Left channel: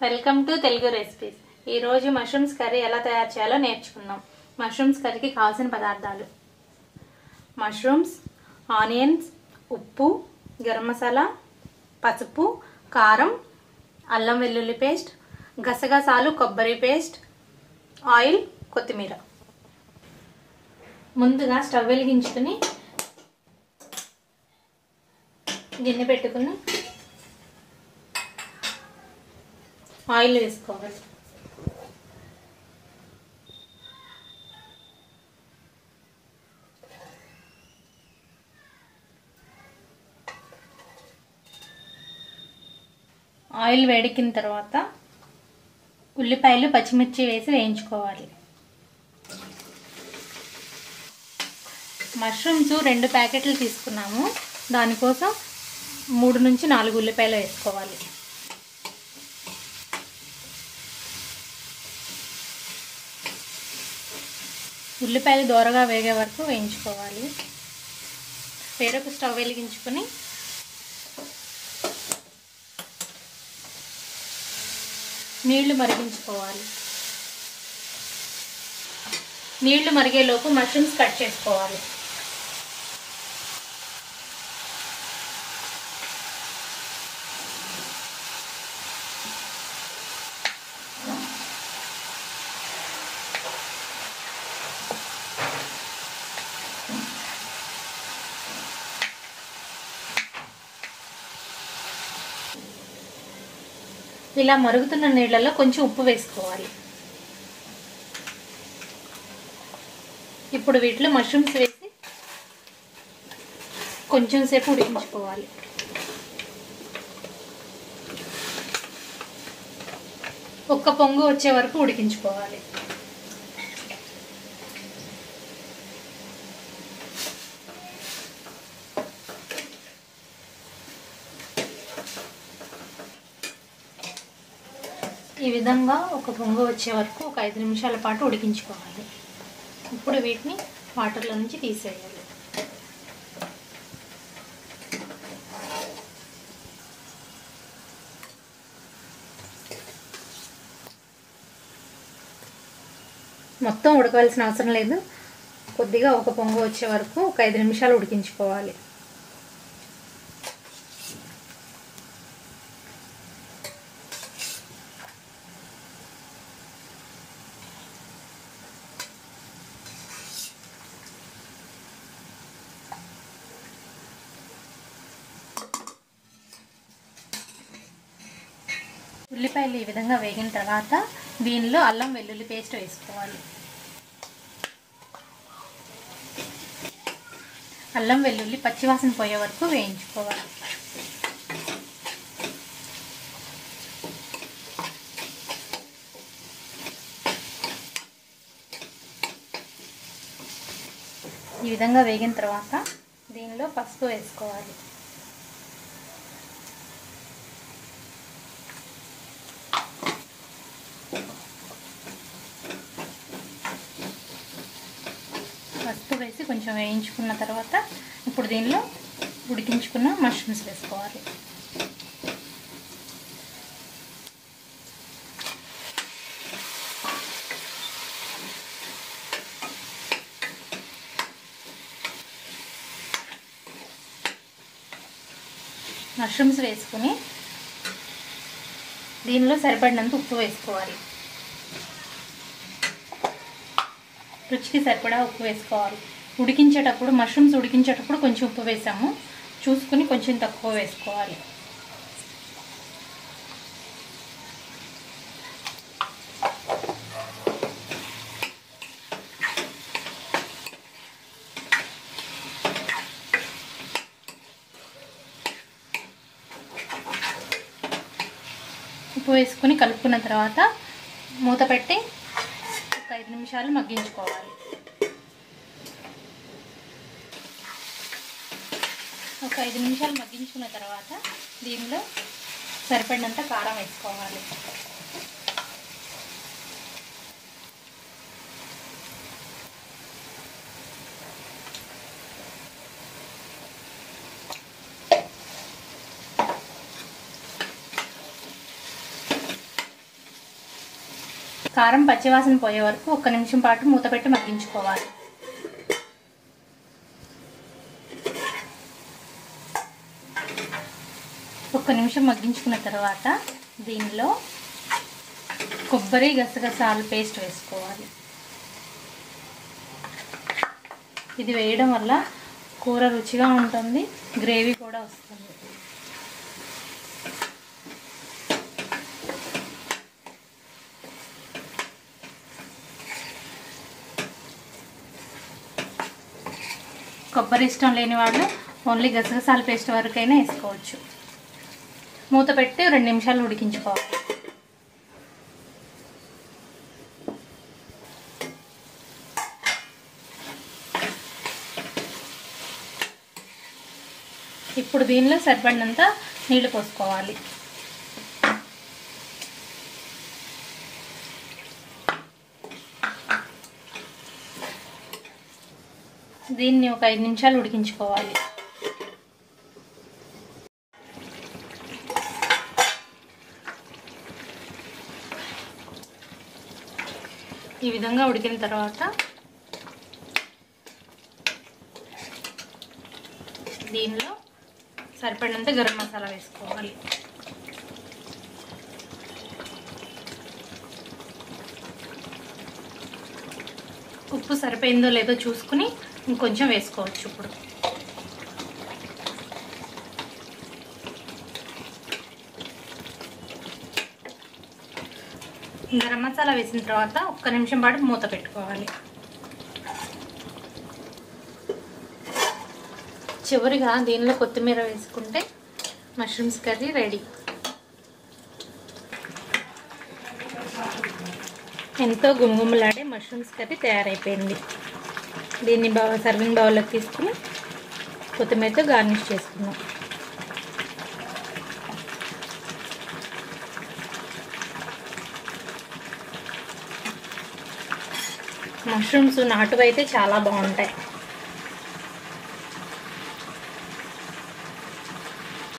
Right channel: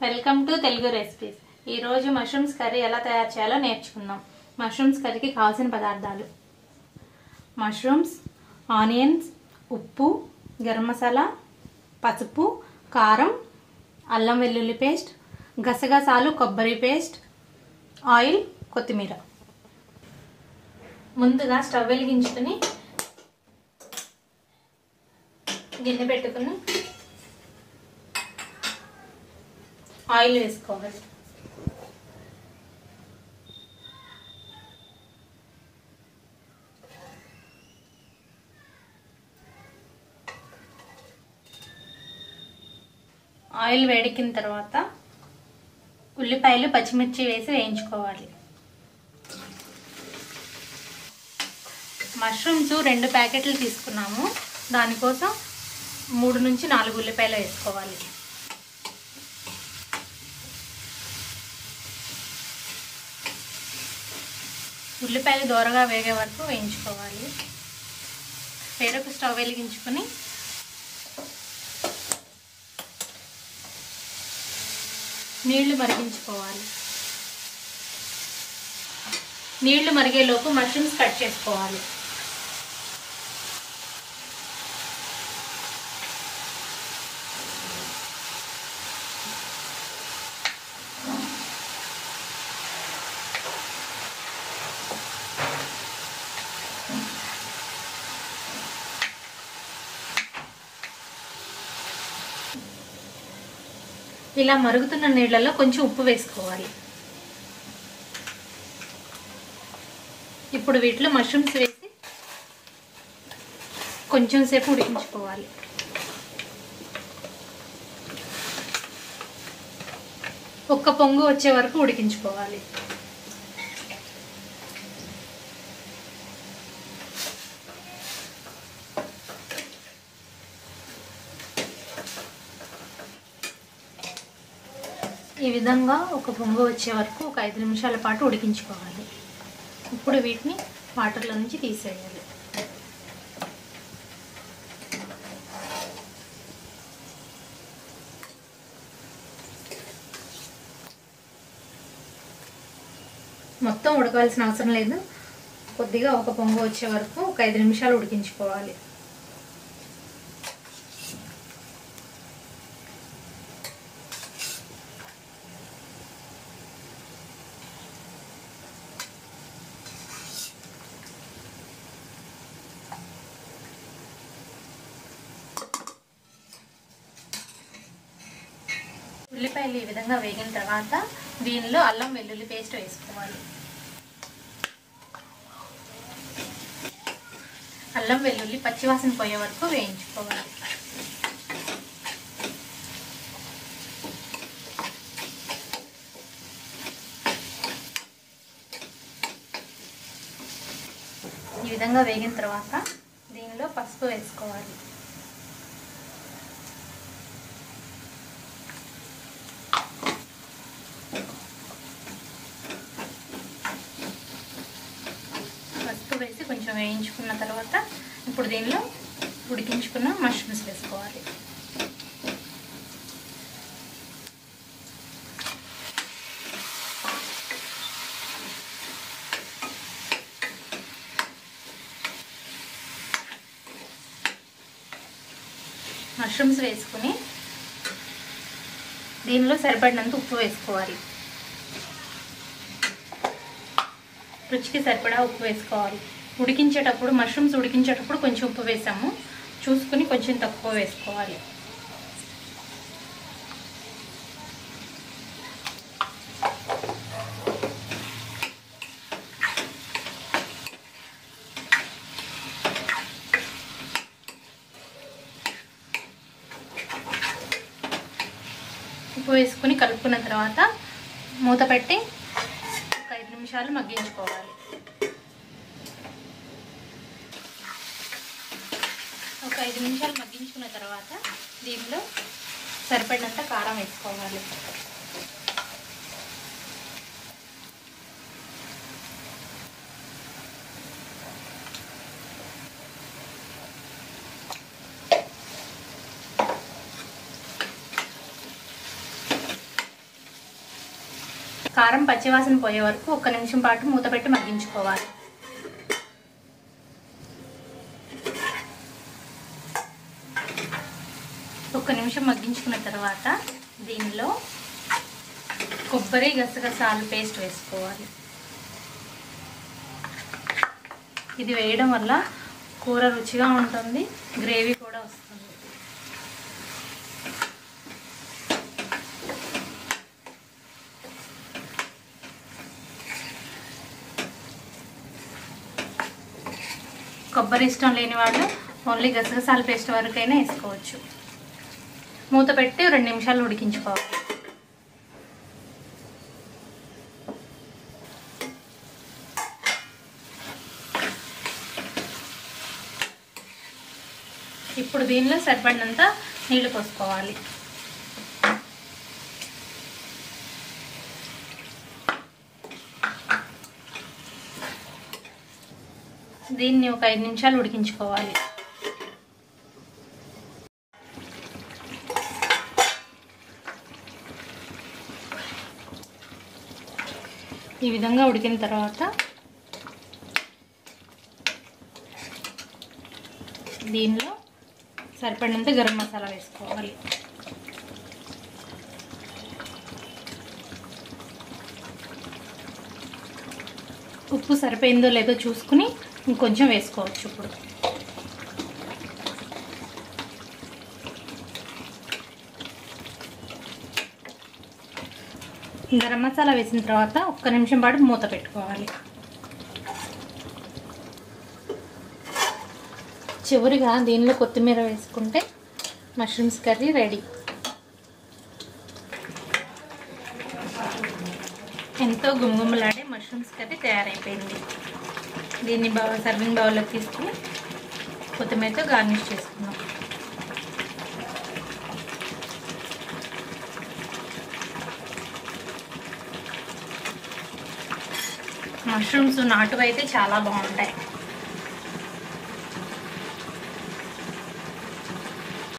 Welcome to Telugu recipes. ఈ రోజు mushrooms curry ఎలా తయారు చేయాలో నేర్చుకుందాం. మష్రూమ్స్ కర్రీకి కావాల్సిన పదార్థాలు: మష్రూమ్స్, ఆనియన్స్, ఉప్పు, గరం మసాలా, పసుపు, కారం, అల్లం వెల్లుల్లి పేస్ట్, గసగసాలు, కొబ్బరి పేస్ట్, ఆయిల్, కొత్తిమీర. ముందుగా స్టవ్ వెలిగించుకుని గిన్నె పెట్టుకుని ఆయిల్ వేసుకోవాలి. ఆయిల్ వేడెక్కిన తర్వాత ఉల్లిపాయలు, పచ్చిమిర్చి వేసి వేయించుకోవాలి. మష్రూమ్స్ 2 ప్యాకెట్లు తీసుకున్నాము. దానికోసం 3 నుంచి 4 ఉల్లిపాయలు వేసుకోవాలి. ఉల్లిపాయలు దోరగా వేగే వరకు వేయించుకోవాలి. వేరొక స్టవ్ వెలిగించుకుని నీళ్లు మరిగించుకోవాలి. నీళ్లు మరిగేలోపు మష్రూమ్స్ కట్ చేసుకోవాలి. ఇలా మరుగుతున్న నీళ్లలో కొంచెం ఉప్పు వేసుకోవాలి. ఇప్పుడు వీటిలో మష్రూమ్స్ వేసి కొంచెం సేపు ఉడికించుకోవాలి. ఒక్క పొంగు వచ్చే వరకు ఉడికించుకోవాలి. ఈ విధంగా ఒక పొంగు వచ్చే వరకు ఒక 5 నిమిషాల పాటు ఉడికించుకోవాలి. ఇప్పుడు వీటిని వాటర్లో నుంచి తీసేయాలి. మొత్తం ఉడకవలసిన అవసరం లేదు. కొద్దిగా ఒక పొంగు వచ్చే వరకు ఒక 5 నిమిషాలు ఉడికించుకోవాలి. ఉల్లిపాయలు ఈ విధంగా వేగిన తర్వాత దీనిలో అల్లం వెల్లుల్లి పేస్ట్ వేసుకోవాలి. అల్లం వెల్లుల్లి పచ్చివాసన పోయే వరకు వేయించుకోవాలి. ఈ విధంగా వేగిన తర్వాత దీనిలో పసుపు వేసుకోవాలి. వేసి కొంచెం వేయించుకున్న తర్వాత ఇప్పుడు దీనిలో ఉడికించుకున్న మష్రూమ్స్ వేసుకోవాలి. మష్రూమ్స్ వేసుకుని దీనిలో సరిపడినంత ఉప్పు వేసుకోవాలి. రుచికి సరిపడా ఉప్పు వేసుకోవాలి. ఉడికించేటప్పుడు మష్రూమ్స్ ఉడికించేటప్పుడు కొంచెం ఉప్పు వేసాము, చూసుకుని కొంచెం తక్కువ వేసుకోవాలి. ఉప్పు వేసుకుని కలుపుకున్న తర్వాత మూత పెట్టి 5 నిమిషాలు మగ్గించుకోవాలి. ఒక 5 నిమిషాలు మగ్గించుకున్న తర్వాత దీనిలో సరిపడినంత కారం వేసుకోవాలి. కారం పచ్చివాసన పోయే వరకు 1 నిమిషం పాటు మూత పెట్టి మగ్గించుకోవాలి. ఒక నిమిషం మగ్గించుకున్న తర్వాత దీనిలో కొబ్బరి గసగసాలు పేస్ట్ వేసుకోవాలి. ఇది వేయడం వల్ల కూర రుచిగా ఉంటుంది, గ్రేవీ కూడా వస్తుంది. కొబ్బరి ఇష్టం లేని వాళ్ళు ఓన్లీ గసగసాల పేస్ట్ వరకైనా వేసుకోవచ్చు. మూత పెట్టి 2 నిమిషాలు ఉడికించుకోవాలి. ఇప్పుడు దీనిలో సరిపడినంత నీళ్లు పోసుకోవాలి. దీన్ని ఒక 5 నిమిషాలు ఉడికించుకోవాలి. ఈ విధంగా ఉడికిన తర్వాత దీనిలో సరిపడినంత గరం మసాలా వేసుకోవాలి. ఉప్పు సరిపోయిందో లేదో చూసుకుని ఇంకొంచెం వేసుకోవచ్చు. ఇప్పుడు గరం మసాలా వేసిన తర్వాత 1 నిమిషం పాటు మూత పెట్టుకోవాలి. చివరిగా దీనిలో కొత్తిమీర వేసుకుంటే మష్రూమ్స్ కర్రీ రెడీ. ఎంతో గుమగుమలాడే మష్రూమ్స్ కర్రీ తయారైపోయింది. దీన్ని సర్వింగ్ బౌల్లోకి తీసుకుని కొత్తిమీరతో గార్నిష్ చేసుకుందాం. మష్రూమ్స్ నాటువైతే చాలా బాగుంటాయి.